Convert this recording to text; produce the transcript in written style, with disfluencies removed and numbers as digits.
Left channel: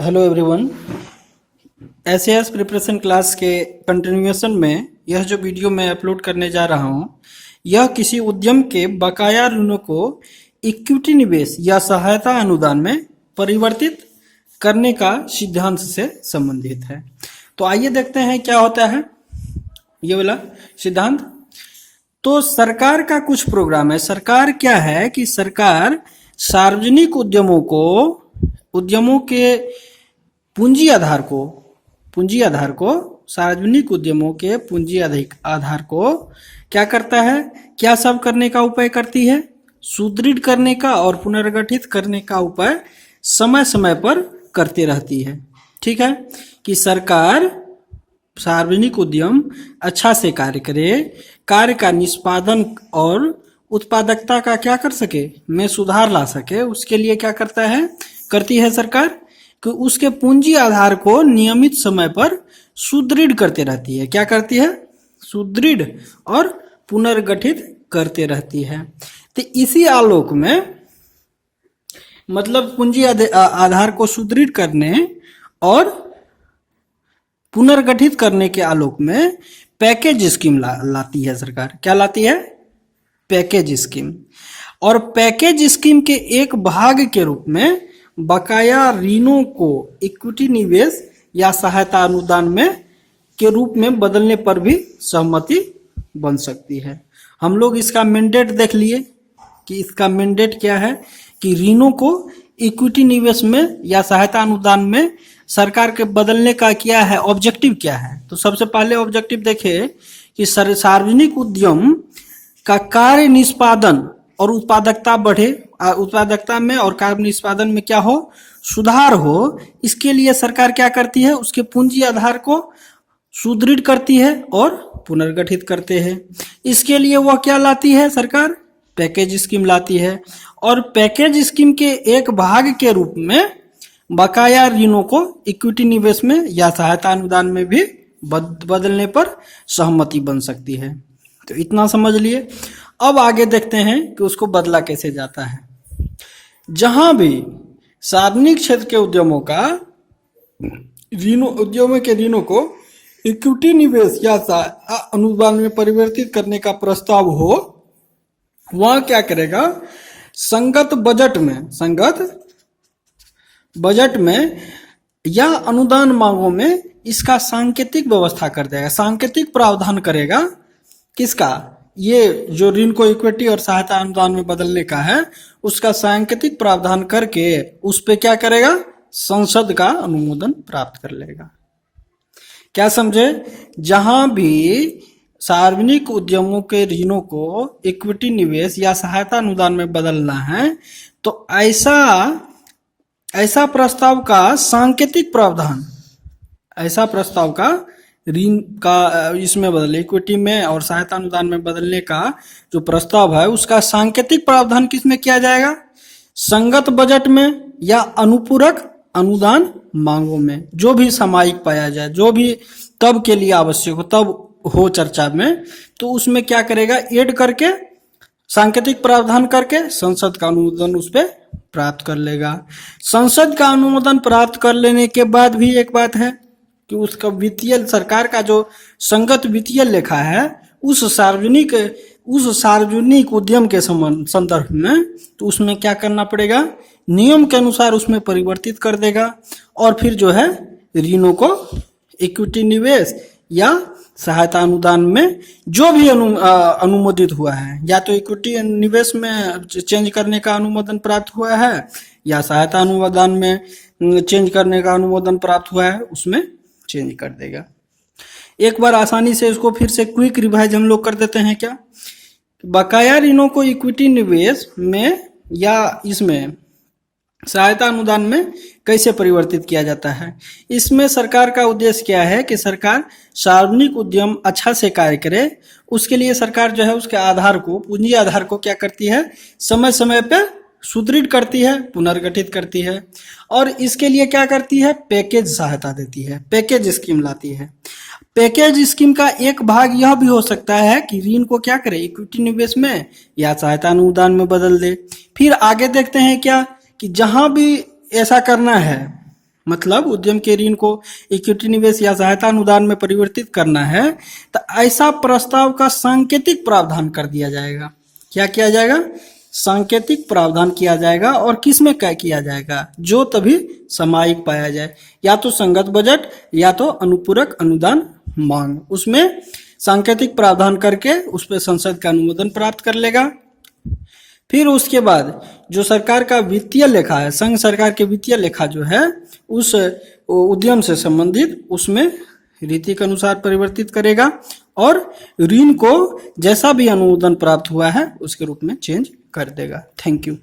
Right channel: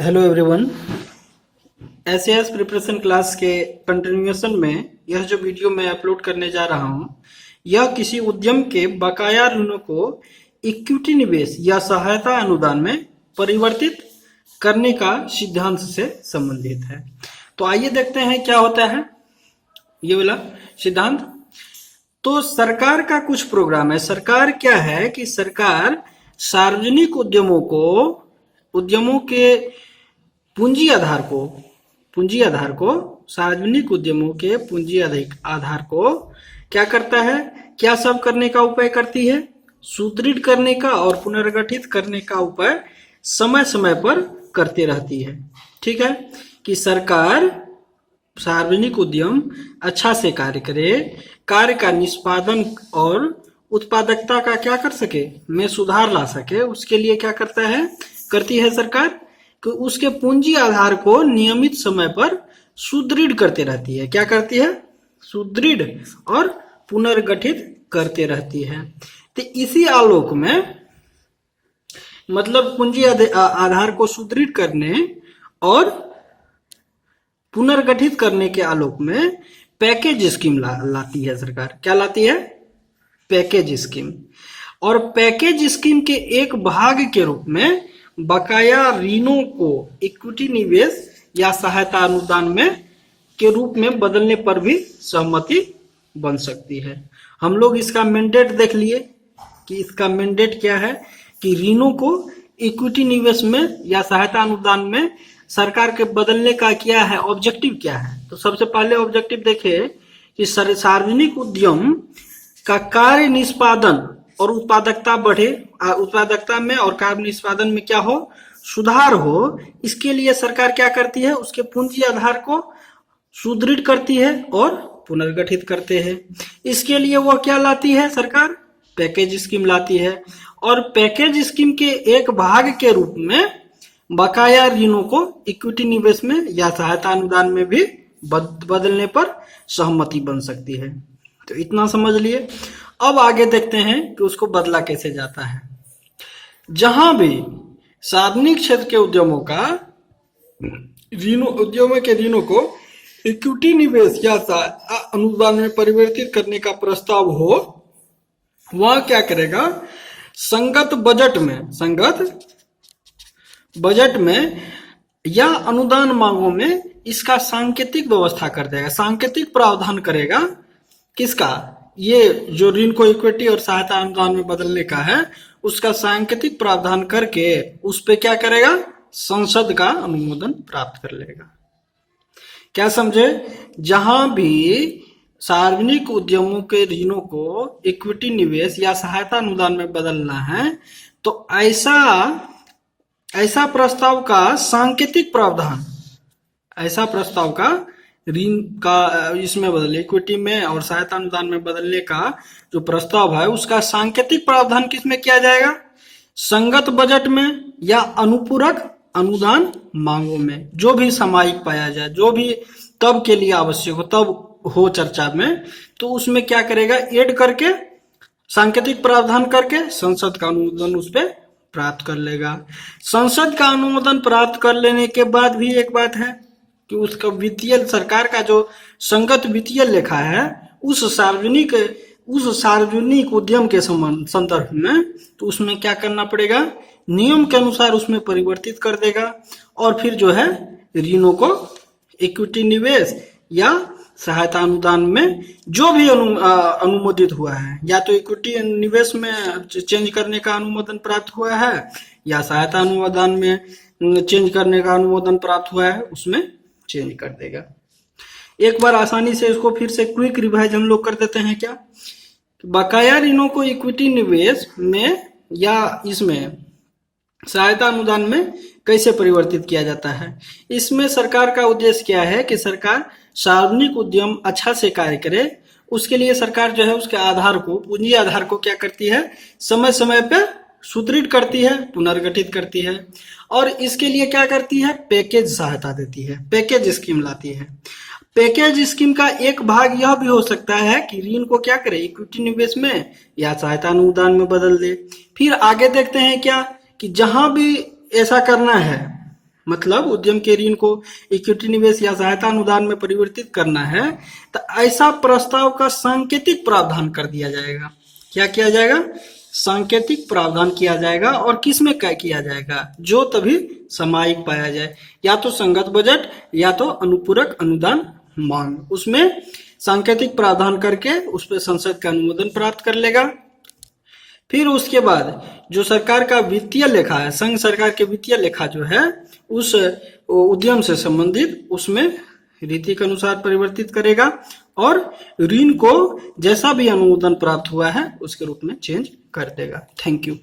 Hello everyone. SAS preparation class के continuation में यह जो वीडियो मैं अपलोड करने जा रहा हूं, यह किसी उद्यम के बकाया ऋणों को इक्विटी निवेश या सहायता अनुदान में परिवर्तित करने का सिद्धांत से संबंधित है। तो आइए देखते हैं क्या होता है ये वाला सिद्धांत। तो सरकार का कुछ प्रोग्राम है। सरकार क्या है कि सरकार सार्वजनिक उद्यमों के पूंजी आधार को सार्वजनिक उद्यमों के पूंजी आधार को क्या करता है, क्या सब करने का उपाय करती है, सुदृढ़ करने का और पुनर्गठित करने का उपाय समय समय पर करते रहती है। ठीक है कि सरकार सार्वजनिक उद्यम अच्छा से कार्य करे, कार्य का निष्पादन और उत्पादकता का क्या कर सके में सुधार ला सके, उसके लिए क्या करती है सरकार कि उसके पूंजी आधार को नियमित समय पर सुदृढ़ करते रहती है। क्या करती है? सुदृढ़ और पुनर्गठित करते रहती है। तो इसी आलोक में मतलब पूंजी आधार को सुदृढ़ करने और पुनर्गठित करने के आलोक में पैकेज स्कीम लाती है सरकार। क्या लाती है? Package scheme. और पैकेज स्कीम के एक भाग के रूप में बकाया ऋणों को इक्विटी निवेश या सहायता अनुदान में के रूप में बदलने पर भी सहमति बन सकती है। हम लोग इसका मैंडेट देख लिए कि इसका मैंडेट क्या है कि ऋणों को इक्विटी निवेश में या सहायता अनुदान में सरकार के बदलने का क्या है, ऑब्जेक्टिव क्या है। तो सबसे पहले ऑब्जेक्टिव देखें कि सार्वजनिक उद्यम का कार्य निष्पादन और उत्पादकता बढ़े, उत्पादकता में और कार्य निष्पादन में क्या हो, सुधार हो। इसके लिए सरकार क्या करती है, उसके पूंजी आधार को सुदृढ़ करती है और पुनर्गठित करते हैं। इसके लिए वह क्या लाती है सरकार? पैकेज स्कीम लाती है। और पैकेज स्कीम के एक भाग के रूप में बकाया ऋणों को इक्विटी निवेश में या सहायता अनुदान में भी बदलने पर सहमति बन सकती है। तो इतना समझ लिए। अब आगे देखते हैं कि उसको बदला कैसे जाता है। जहां भी सार्वजनिक क्षेत्र के उद्यमों के ऋणों को इक्विटी निवेश या अनुदान में परिवर्तित करने का प्रस्ताव हो, वहां क्या करेगा, संगत बजट में या अनुदान मांगों में इसका सांकेतिक व्यवस्था कर देगा, सांकेतिक प्रावधान करेगा। किसका? ये जो ऋण को इक्विटी और सहायता अनुदान में बदलने का है, उसका सांकेतिक प्रावधान करके उस पे क्या करेगा, संसद का अनुमोदन प्राप्त कर लेगा। क्या समझे? जहां भी सार्वजनिक उद्यमों के ऋणों को इक्विटी निवेश या सहायता अनुदान में बदलना है, तो ऐसा प्रस्ताव का सांकेतिक प्रावधान, ऐसा प्रस्ताव का ऋण का इसमें बदले, इक्विटी में और सहायता अनुदान में बदलने का जो प्रस्ताव है, उसका सांकेतिक प्रावधान किसमें किया जाएगा? संगत बजट में या अनुपूरक अनुदान मांगों में, जो भी सामयिक पाया जाए, जो भी तब के लिए आवश्यक हो, तब हो चर्चा में, तो उसमें क्या करेगा, ऐड करके सांकेतिक प्रावधान करके संसद का अनुमोदन उस पर प्राप्त कर लेगा। संसद का अनुमोदन प्राप्त कर लेने के बाद भी एक बात है कि उसका वित्तीय, सरकार का जो संगत वित्तीय लेखा है, उस सार्वजनिक उद्यम के संदर्भ में, तो उसमें क्या करना पड़ेगा, नियम के अनुसार उसमें परिवर्तित कर देगा। और फिर जो है ऋणों को इक्विटी निवेश या सहायता अनुदान में जो भी अनुमोदित हुआ है, या तो इक्विटी निवेश में चेंज करने का अनुमोदन प्राप्त हुआ है या सहायता अनुदान में चेंज करने का अनुमोदन प्राप्त हुआ है, उसमें चेंज कर देगा। एक बार आसानी से इसको फिर से क्विक रिवाइज हम लोग कर देते हैं। क्या? बकाया ऋणों को इक्विटी निवेश में या इसमें सहायता अनुदान में कैसे परिवर्तित किया जाता है। इसमें सरकार का उद्देश्य क्या है कि सरकार सार्वजनिक उद्यम अच्छा से कार्य करे, उसके लिए सरकार जो है उसके आधार को, पूंजी आधार को क्या करती है, समय समय पे सुदृढ़ करती है, पुनर्गठित करती है। और इसके लिए क्या करती है, पैकेज सहायता देती है, पैकेज स्कीम लाती है। पैकेज स्कीम का एक भाग यह भी हो सकता है कि ऋण को क्या करे, इक्विटी निवेश में या सहायता अनुदान में बदल दे। फिर आगे देखते हैं क्या कि जहां भी ऐसा करना है, मतलब उद्यम के ऋण को इक्विटी निवेश या सहायता अनुदान में परिवर्तित करना है तो ऐसा प्रस्ताव का सांकेतिक प्रावधान कर दिया जाएगा। क्या किया जाएगा? सांकेतिक प्रावधान किया जाएगा। और किस में क्या किया जाएगा? जो तभी सामयिक पाया जाए, या तो संगत बजट या तो अनुपूरक अनुदान मांग, उसमें सांकेतिक प्रावधान करके उस पर संसद का अनुमोदन प्राप्त कर लेगा। फिर उसके बाद जो सरकार का वित्तीय लेखा है, संघ सरकार के वित्तीय लेखा जो है उस उद्यम से संबंधित उसमें रीति के अनुसार परिवर्तित करेगा और ऋण को जैसा भी अनुमोदन प्राप्त हुआ है उसके रूप में चेंज कर देगा। Thank you.